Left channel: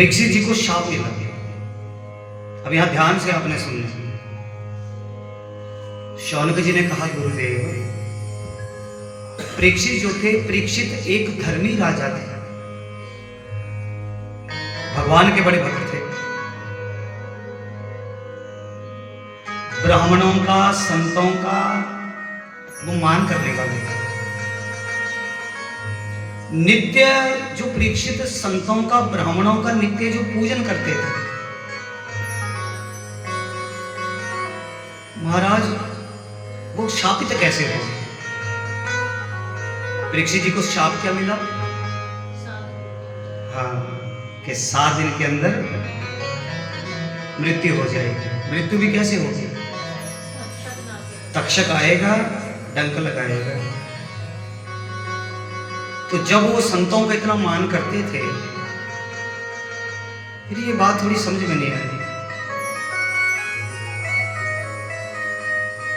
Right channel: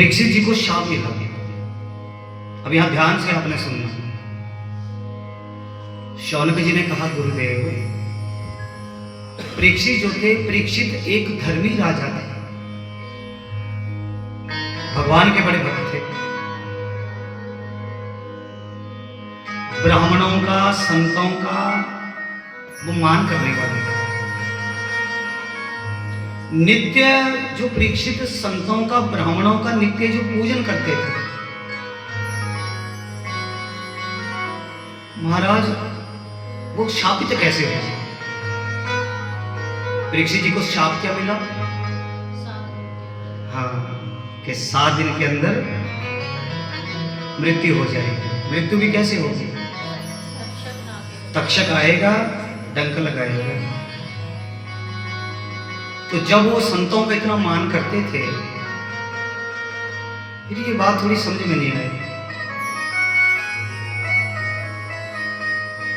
परीक्षित जी को शाप मिला। अब यहां ध्यान से आपने सुनना। शौनक जी ने कहा, गुरुदेव, परीक्षित जो थे, परीक्षित एक धर्मी राजा थे, भगवान के बड़े भक्त थे, ब्राह्मणों का, संतों का वो मान करने वाले थे। नित्य जो परीक्षित संतों का, ब्राह्मणों का नित्य जो पूजन करते थे, महाराज वो शापित कैसे हो? परीक्षित जी को शाप क्या मिला? हाँ, कि 7 दिन के अंदर मृत्यु हो जाएगी। मृत्यु भी कैसे होगी? तक्षक आएगा, डंक लगाएगा। तो जब वो संतों का इतना मान करते थे, फिर ये बात थोड़ी समझ में नहीं आई।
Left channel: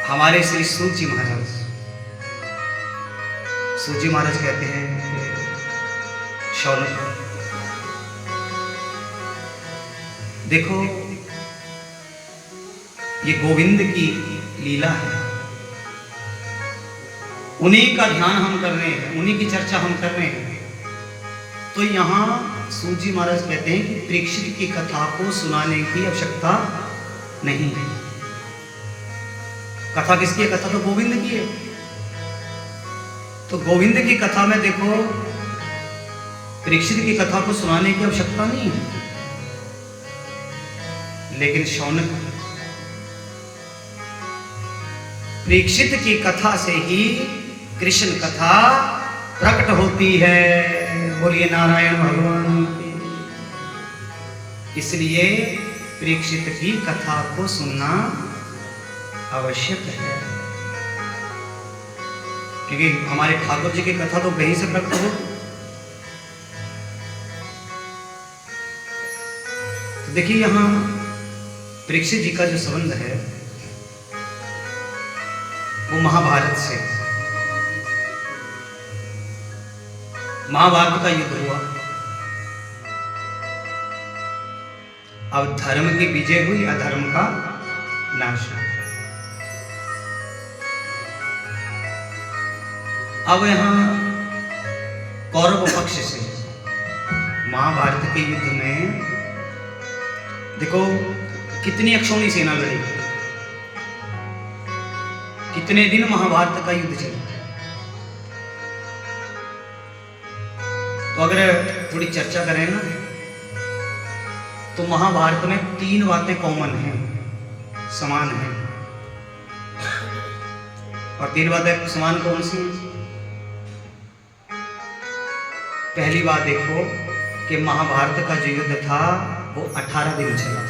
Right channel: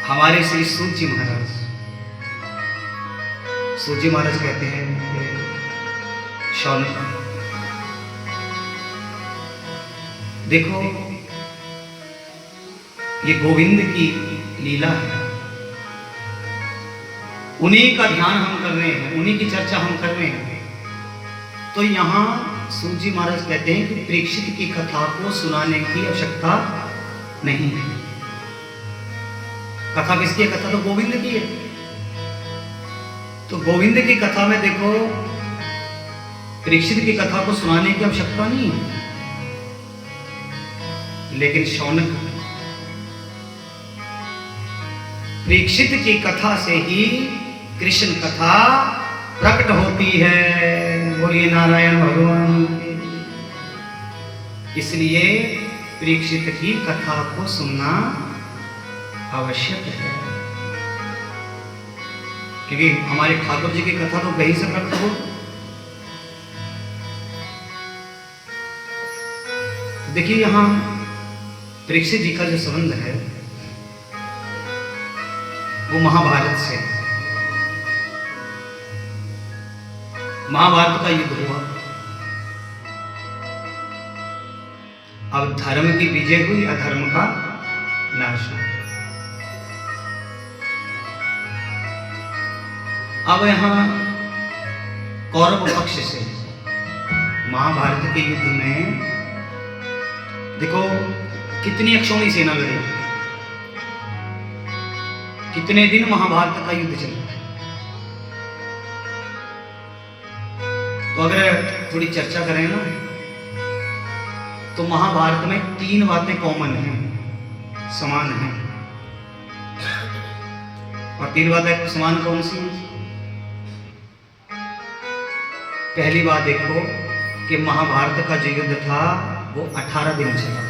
हमारे श्री सूत जी महाराज, सूत जी महाराज कहते हैं, शौनक, देखो ये गोविंद की लीला है, उन्हीं का ध्यान हम कर रहे हैं, उन्हीं की चर्चा हम कर रहे हैं। तो यहां सूत जी महाराज कहते हैं कि परीक्षित की कथा को सुनाने की आवश्यकता नहीं है। कथा किसकी है? कथा तो गोविंद की है। तो गोविंद की कथा में देखो, परीक्षित की कथा को सुनाने की आवश्यकता नहीं है। लेकिन शौनक, परीक्षित की कथा से ही कृष्ण कथा प्रकट होती है। बोलिए नारायण भगवान की। इसलिए परीक्षित की कथा को सुनना आवश्यक है, क्योंकि हमारे ठाकुर जी की कथा तो वहीं से प्रकट हो। तो देखिए यहां परीक्षित जी का जो संबंध है वो महाभारत से। महाभारत का युद्ध हुआ, अब धर्म की विजय हुई, अधर्म का नाश हुआ। अब यहां कौरव पक्ष से महाभारत के युद्ध में देखो कितनी अक्षौणी सेना लड़ी, कितने दिन महाभारत का युद्ध चला। तो अगर थोड़ी चर्चा करें ना, तो महाभारत में 3 बातें कॉमन हैं, समान हैं। और 3 बातें समान कौन सी हैं? पहली बात देखो कि महाभारत का जो युद्ध था वो 18 दिन चला,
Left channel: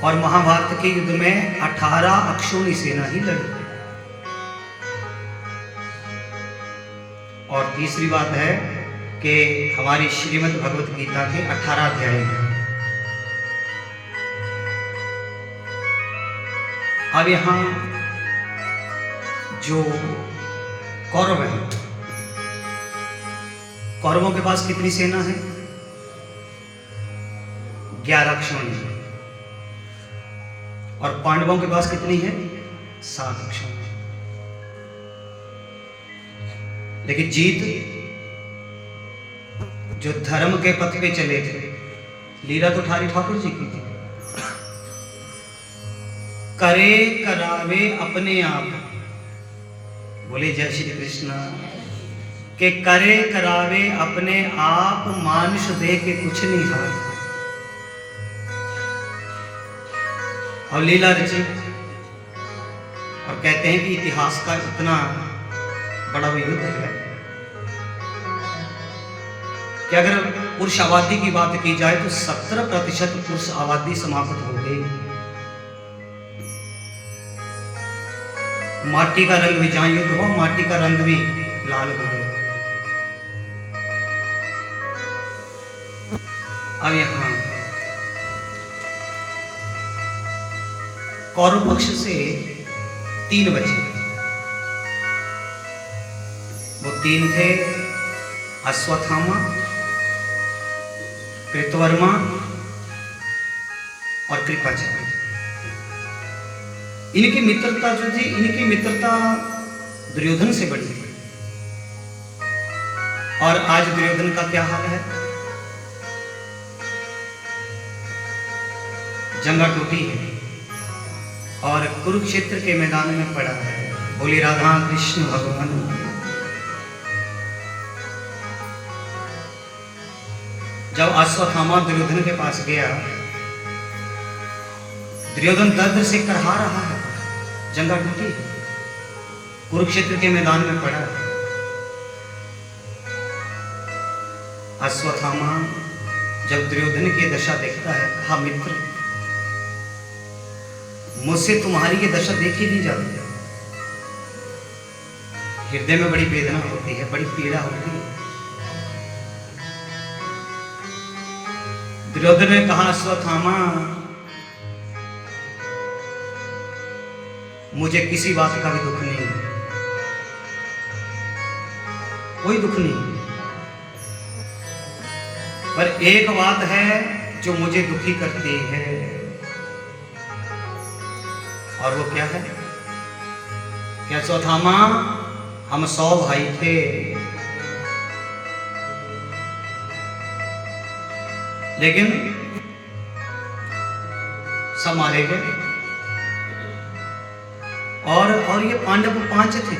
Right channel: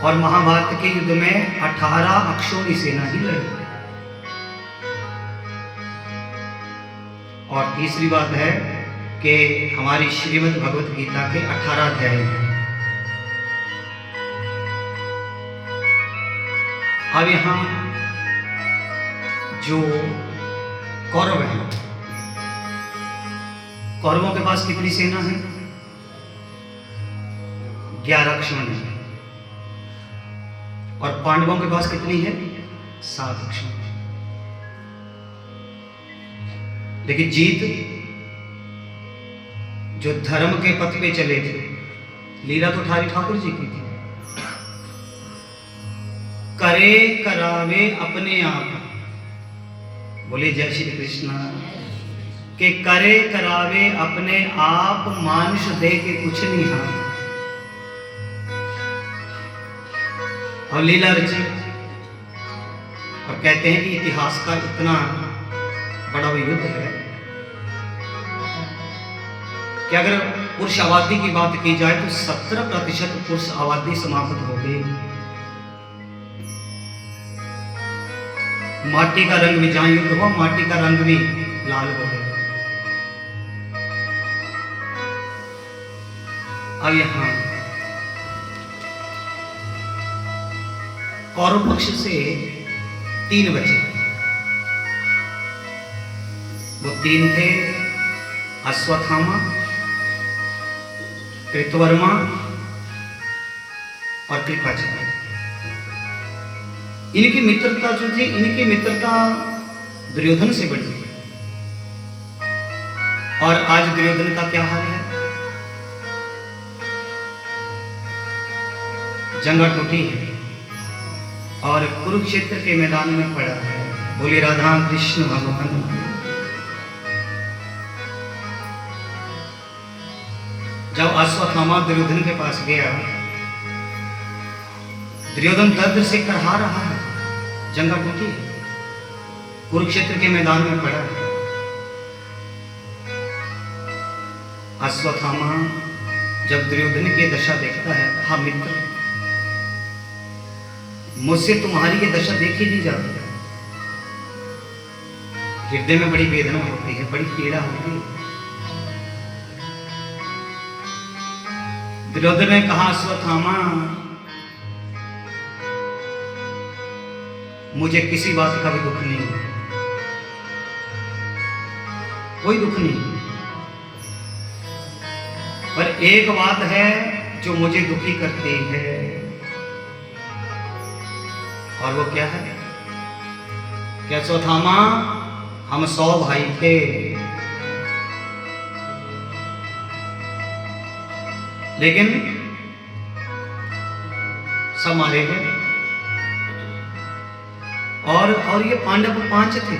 और महाभारत के युद्ध में 18 अक्षौणी सेना ही लड़ी। और तीसरी बात है कि हमारी श्रीमद् भगवत गीता के 18 अध्याय हैं। अब यहां जो कौरव है, कौरवों के पास कितनी सेना है? 11 अक्षौणी। और पांडवों के पास कितनी है? 7 अक्षौणी। लेकिन जीत जो धर्म के पथ पे चले थे, लीला तो ठारी ठाकुर जी की थी। करे करावे अपने आप, बोले जय श्री कृष्ण, के करे करावे अपने आप, मानुष दे के कुछ नहीं हाथ। और लीला रची, और कहते हैं कि इतिहास का इतना बड़ा युद्ध है कि अगर पुरुष आबादी की बात की जाए तो 70% पुरुष आबादी समाप्त हो गई। माटी का रंग भी जहां युद्ध हुआ, माटी का रंग भी लाल हो गया। अब यहां कौरव पक्ष से 3 बचे। वो 3 थे, अश्वत्थामा, कृतवर्मा और कृपाचार्य। इनकी मित्रता जो थी, इनकी मित्रता दुर्योधन से बड़ी थी। और आज दुर्योधन का क्या हाल है? जंगा टूटी है और कुरुक्षेत्र के मैदान में पड़ा है। बोले राधा कृष्ण भगवान। जब अश्वत्थामा दुर्योधन के पास गया, दुर्योधन दर्द से करहा रहा है, जंगा टूटी, कुरुक्षेत्र के मैदान में पड़ा है। अश्वत्थामा जब दुर्योधन की दशा देखता है, कहा मित्र, मुझसे तुम्हारी ये दशा देखी नहीं जाती। हृदय में बड़ी वेदना होती है, बड़ी पीड़ा होती है। दुर्योधन ने कहा, अश्वत्थामा, मुझे किसी बात का भी दुख नहीं, कोई दुख नहीं, पर एक बात है जो मुझे दुखी करती है। और वो क्या है? क्या अश्वत्थामा, हम 100 भाई थे, लेकिन सब मारे गए। और ये पांडव 5 थे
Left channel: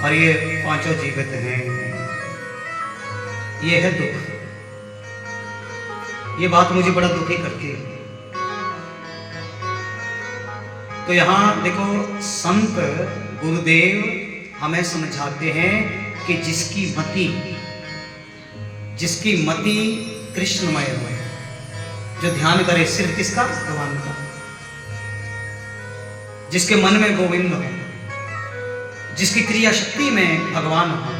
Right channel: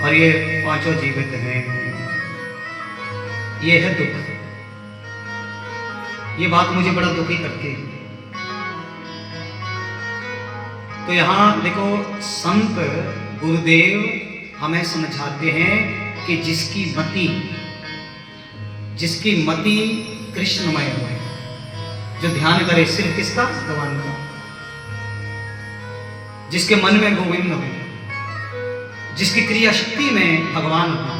और ये 5 जीवित हैं। ये है दुख। ये बात मुझे बड़ा दुखी करती है। तो यहां देखो, संत गुरुदेव हमें समझाते हैं कि जिसकी मति कृष्णमय हो, जो ध्यान करे सिर्फ किसका? भगवान का। जिसके मन में गोविंद हो, जिसकी क्रिया शक्ति में भगवान हो,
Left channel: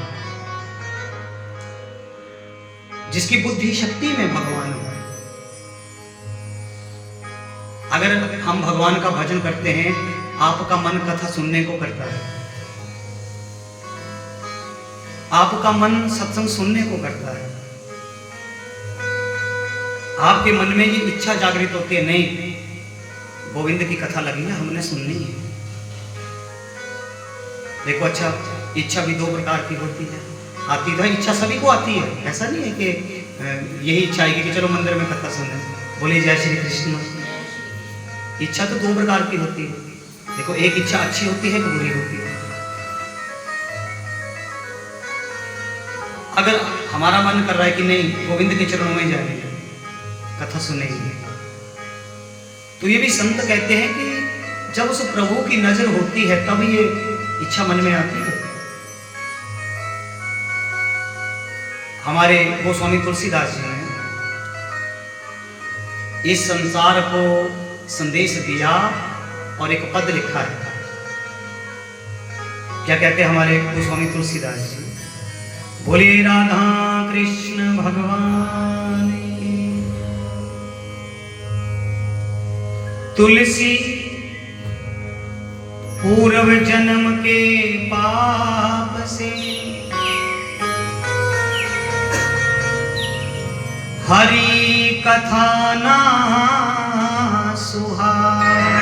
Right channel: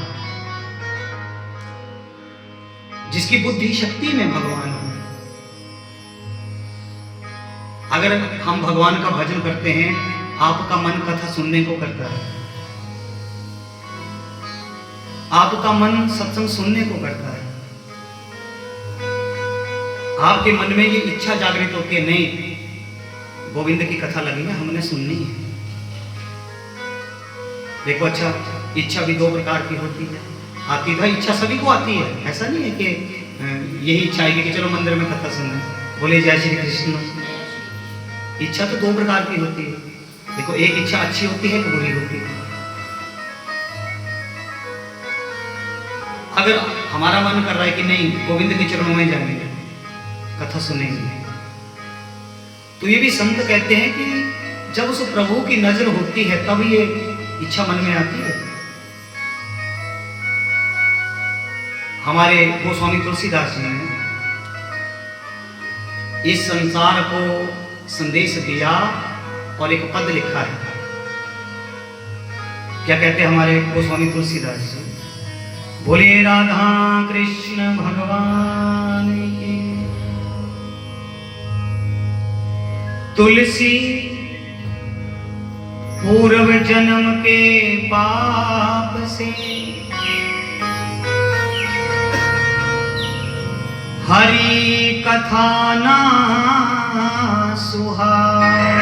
जिसकी बुद्धि शक्ति में भगवान हो। अगर हम भगवान का भजन करते हैं, आपका मन कथा सुनने को करता है, आपका मन सत्संग सुनने को करता है। आपके मन में ये इच्छा जागृत होती है, नहीं, गोविंद की कथा लगी है, हमने सुननी है। देखो, अच्छा, इच्छा भी 2 प्रकार की होती है। आती है इच्छा, सभी को आती है। ऐसा नहीं है कि यही इच्छा आएगी कि चलो मंदिर में कथा सुने। बोले जय श्री कृष्ण। इच्छा तो 2 प्रकार की होती है। देखो, एक इच्छा अच्छी होती है, एक बुरी होती है। अगर हमारा मन कर रहा है कि नहीं, गोविंद के चरणों में जाएंगे, कथा सुनेंगे, तो ये भी संत कहते हैं कि जब उस प्रभु की नजर होती है, तब ये इच्छा मन में आती है। हमारे गोस्वामी तुलसीदास जी ने इस संसार को संदेश दिया और एक पद लिखा है। क्या कहते हैं हमारे गोस्वामी तुलसीदास जी? बोलिए राधा कृष्ण भगवान की। तुलसी पूर्व जन्म के पाप से हरि कथा ना सुहाए।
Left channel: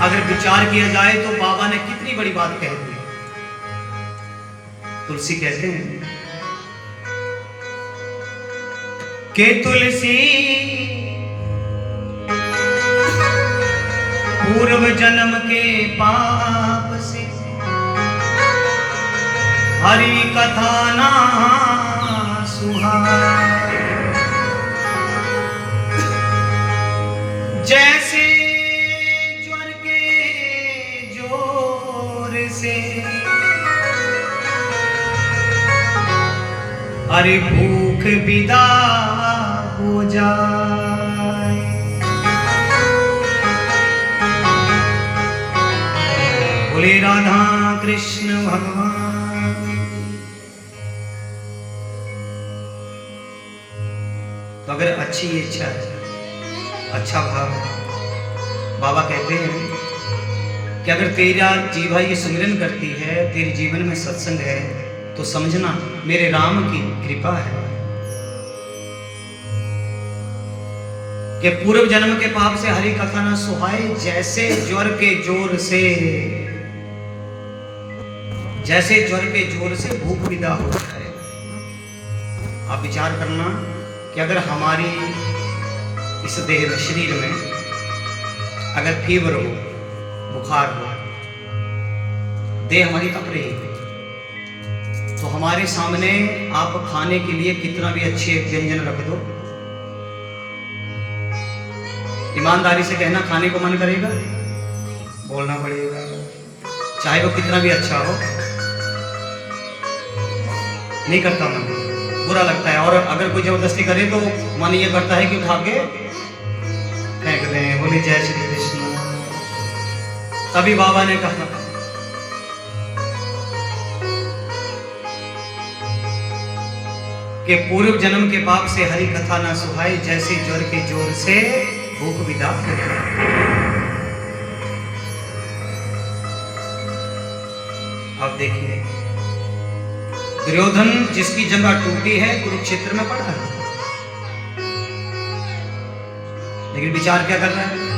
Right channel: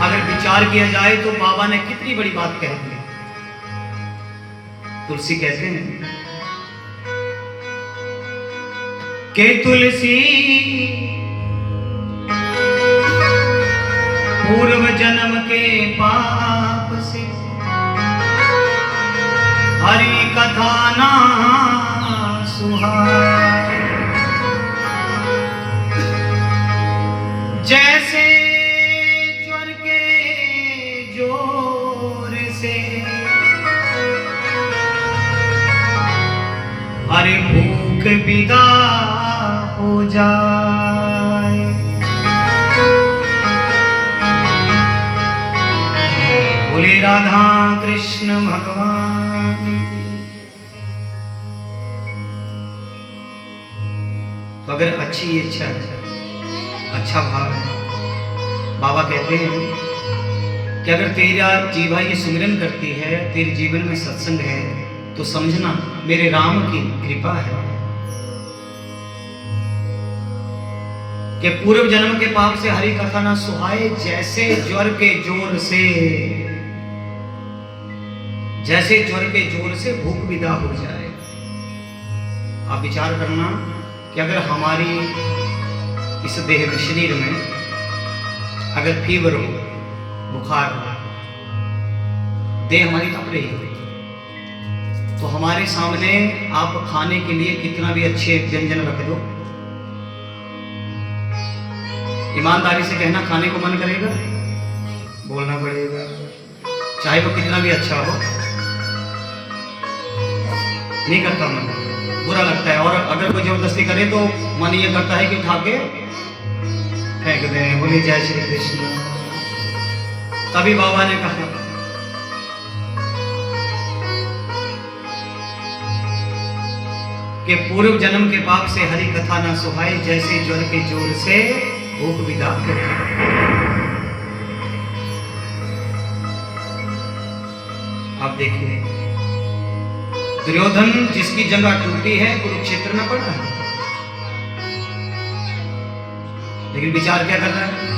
अगर विचार किया जाए तो बाबा ने कितनी बड़ी बात कह दी। तुलसी कहते हैं कि तुलसी पूर्व जन्म के पाप से हरि कथा ना सुहाए। जैसे ज्वर के जोर से अरे भूख विदा हो जाए। बोले राधा कृष्ण भगवान। तो अगर अच्छी इच्छा है, अच्छा भाव है, बाबा कहते हैं कि अगर तेरा जीवा ये सुमिरन करती है, तेरे जीवन में सत्संग है, तो समझना मेरे राम की कृपा है कि पूर्व जन्म के पाप से हरि कथा ना सुहाए, जैसे ज्वर के जोर से, जैसे ज्वर के जोर से भूख विदा हो जाए। आप विचार करना कि अगर हमारी इस देह में, शरीर में अगर फीवर हो, बुखार हो, देह हमारी तप रही है, तो हमारे सामने आप खाने के लिए कितना भी अच्छे व्यंजन रख दो, ईमानदारी से कहना खाने को मन करेगा? बोलना पड़ेगा, चाहे वो कितना भी अच्छा हो, नहीं करता मन, बुरा लगता है। और अगर कोई जबरदस्ती करे तो मन ये करता है कि उठा के फेंक दें। बोले जय श्री कृष्ण। तभी बाबा ने कहा कि पूर्व जन्म के पाप से हरि कथा ना सुहाए, जैसे ज्वर के जोर से भूख विदा हो जाए। अब देखिए, दुर्योधन जिसकी जगह टूटी है कुरुक्षेत्र में पड़ा है, लेकिन विचार क्या करता है?